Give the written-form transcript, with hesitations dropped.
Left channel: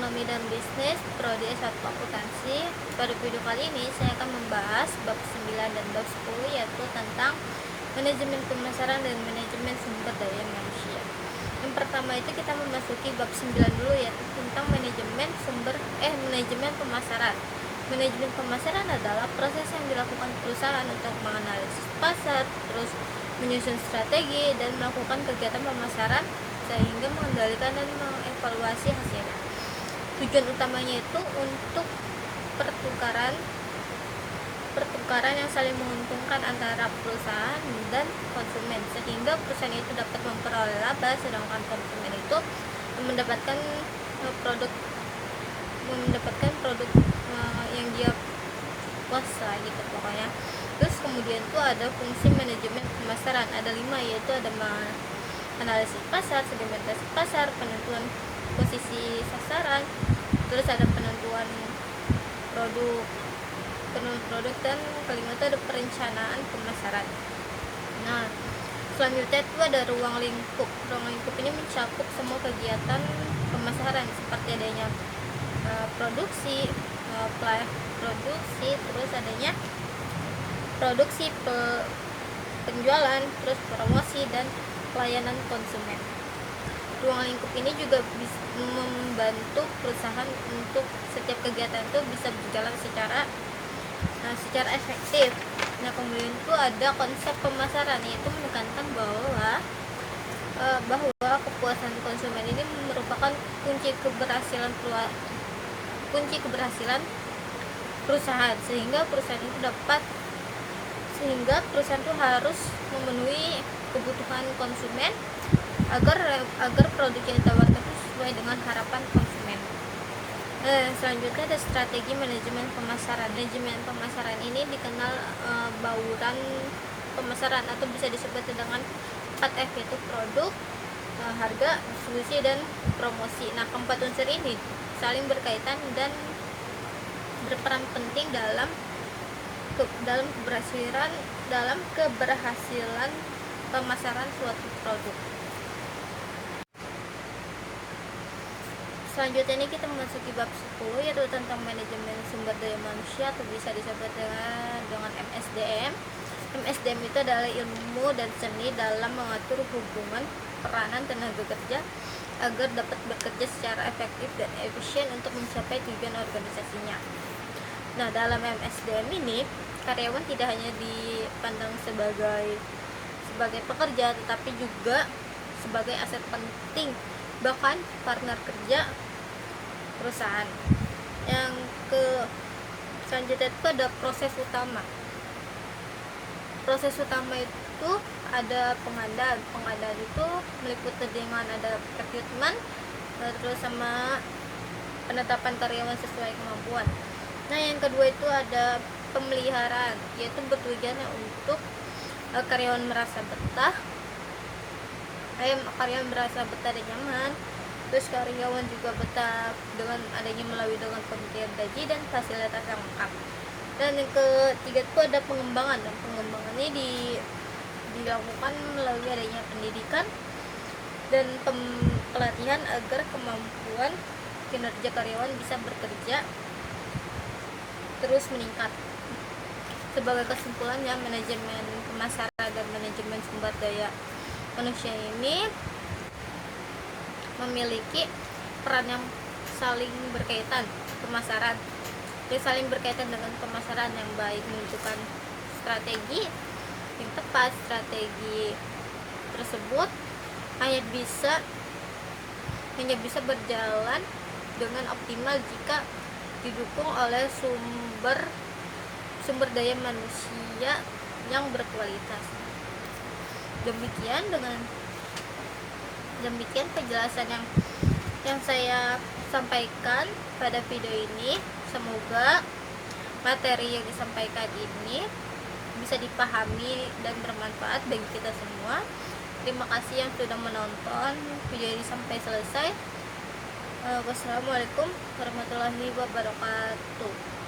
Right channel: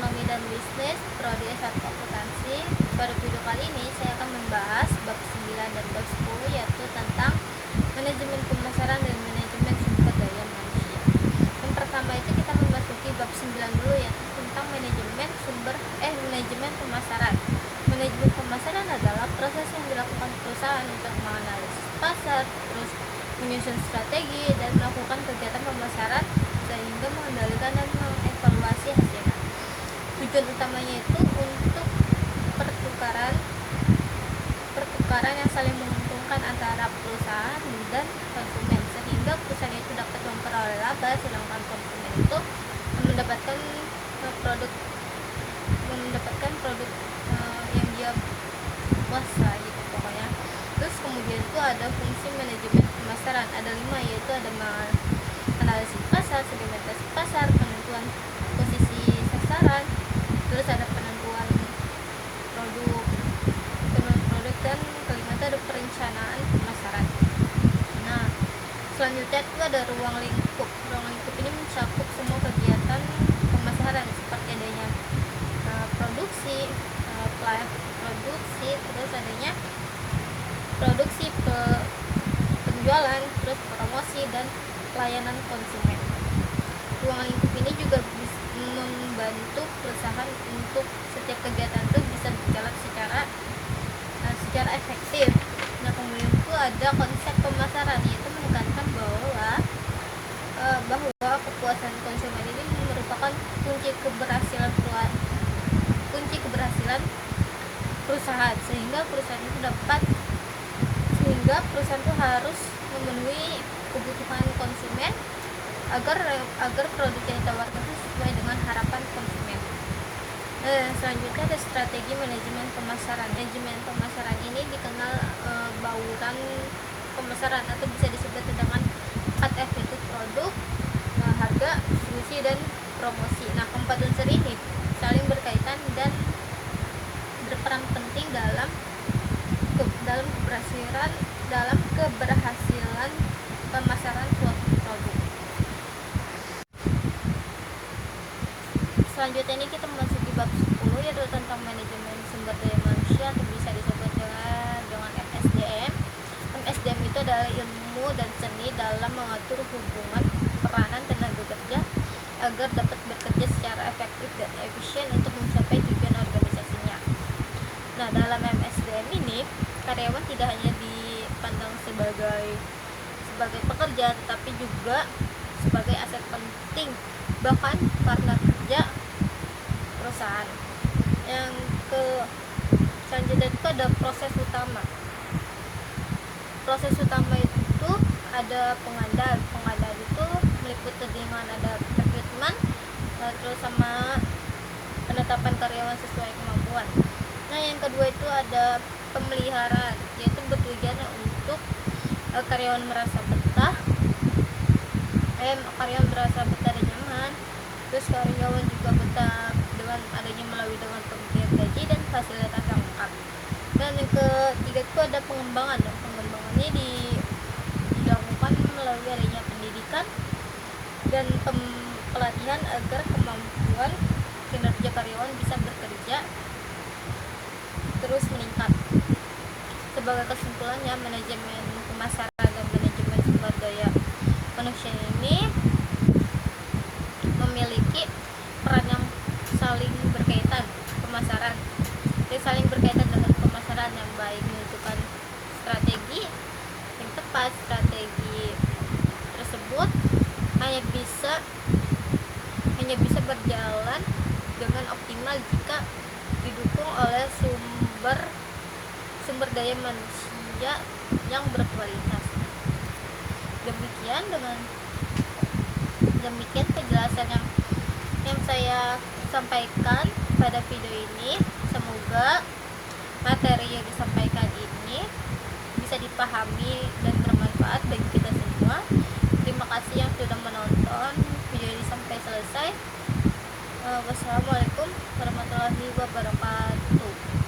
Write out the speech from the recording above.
Ekonomi dan Bisnis Prodi S1 Akuntansi. Pada video kali ini saya akan membahas bab 9 dan bab 10, yaitu tentang manajemen pemasaran dan manajemen sumber daya manusia. Yang pertama itu kita memasuki bab 9 dulu, yaitu tentang manajemen pemasaran. Manajemen pemasaran adalah proses yang dilakukan perusahaan untuk menganalisis pasar, terus menyusun strategi dan melakukan kegiatan pemasaran sehingga mengendalikan dan mengevaluasi hasilnya. Tujuan utamanya itu untuk pertukaran yang saling menguntungkan antara perusahaan dan konsumen, sehingga perusahaan itu dapat memperoleh laba sedangkan konsumen itu mendapatkan produk yang dia puas lah gitu pokoknya. Terus kemudian itu ada fungsi manajemen pemasaran, ada 5, yaitu ada analisis pasar, segmentasi pasar, penentuan posisi sasaran, terus ada penentuan produk, dan kelima itu ada perencanaan pemasaran. Nah, selanjutnya itu ada ruang lingkup. Ruang lingkup ini mencakup semua kegiatan pemasaran seperti adanya produksi, terus adanya penjualan, terus promosi dan pelayanan konsumen. Ruang lingkup ini juga bisa membantu perusahaan untuk setiap kegiatan itu bisa berjalan secara efektif. Nah, kemudian itu ada konsep pemasaran, yaitu menekankan bahwa kepuasan konsumen ini merupakan kunci keberhasilan perusahaan, sehingga perusahaan itu harus memenuhi kebutuhan konsumen agar produk yang ditawarkan itu sesuai dengan harapan konsumen. Selanjutnya ada strategi manajemen pemasaran. Manajemen pemasaran ini dikenal bauran pemasaran atau bisa disebut dengan 4F, yaitu produk, harga, distribusi, dan promosi. Nah, keempat unsur ini saling berkaitan dan berperan penting dalam keberhasilan pemasaran suatu produk. Selanjutnya ini kita memasuki bab 10, yaitu tentang manajemen sumber daya manusia, atau bisa disebut dengan MSDM. MSDM itu adalah ilmu dan seni dalam mengatur hubungan peranan tenaga kerja agar dapat bekerja secara efektif dan efisien untuk mencapai tujuan organisasinya. Nah, dalam MSDM ini karyawan tidak hanya dipandang sebagai pekerja, tetapi juga sebagai aset penting, bahkan partner kerja perusahaan. Selanjutnya itu ada proses utama. Proses utama itu ada pengadaan itu meliputi dengan ada rekrutmen, terus sama penetapan karyawan sesuai kemampuan. Nah, yang kedua itu ada pemeliharaan, yaitu bertujuan untuk karyawan merasa betah dan nyaman. Terus karyawan juga betah dengan adanya dengan pemberian gaji dan fasilitas yang lengkap. Dan yang ketiga itu ada pengembangan, dan pengembangan ini dilakukan melalui adanya pendidikan dan pelatihan agar kemampuan kinerja karyawan bisa bekerja terus meningkat. Sebagai kesimpulannya, manajemen pemasaran dan manajemen sumber daya manusia ini memiliki peran yang saling berkaitan. Saling berkaitan dengan pemasaran yang baik, menentukan strategi yang tepat. Strategi tersebut hanya bisa berjalan dengan optimal jika didukung oleh sumber daya manusia yang berkualitas. Demikian penjelasan yang saya sampaikan pada video ini. Semoga materi yang disampaikan ini bisa dipahami dan bermanfaat bagi kita semua. Terima kasih yang sudah menonton video ini sampai selesai. Wassalamualaikum warahmatullahi wabarakatuh.